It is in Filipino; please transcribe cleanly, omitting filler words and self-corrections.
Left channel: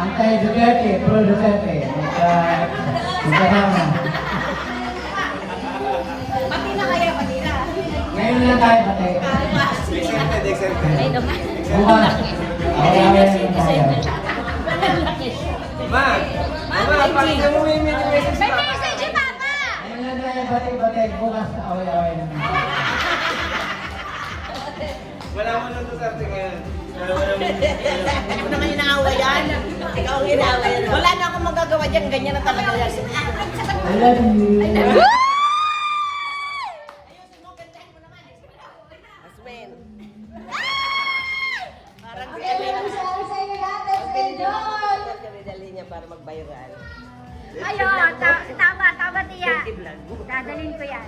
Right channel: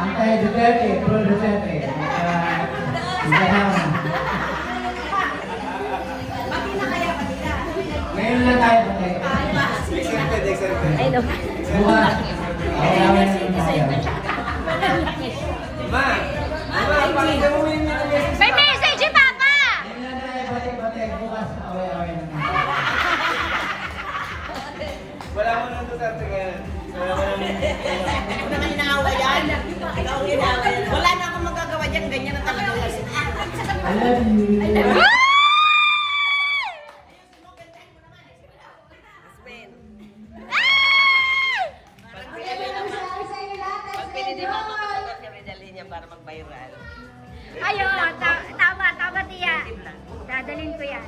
Anti-Duterte, pro-Duterte. Pati na kaya, pati na. Ngayon lang tayo pati. Exempted. Ay, naman. Bukas. Ma! Ma, pakita mo yung message. May message si Papa! Ngayon lang tayo pati-pati. Bukas, away-away lang. Wala mo nang Duterte ngayon. Wala mo nang... Hindi ko naman inaawa yan. Ikaw ang inaawa yan. Wala na akong magagawa dyan. Ganyan na talaga yan. I love you. Ayusin mo, gandahin mo naman. Aspen. Parang pili din ako sa kami dali niya para mag-viral. Ayun, tama, tiya. Dadalhin ko yan.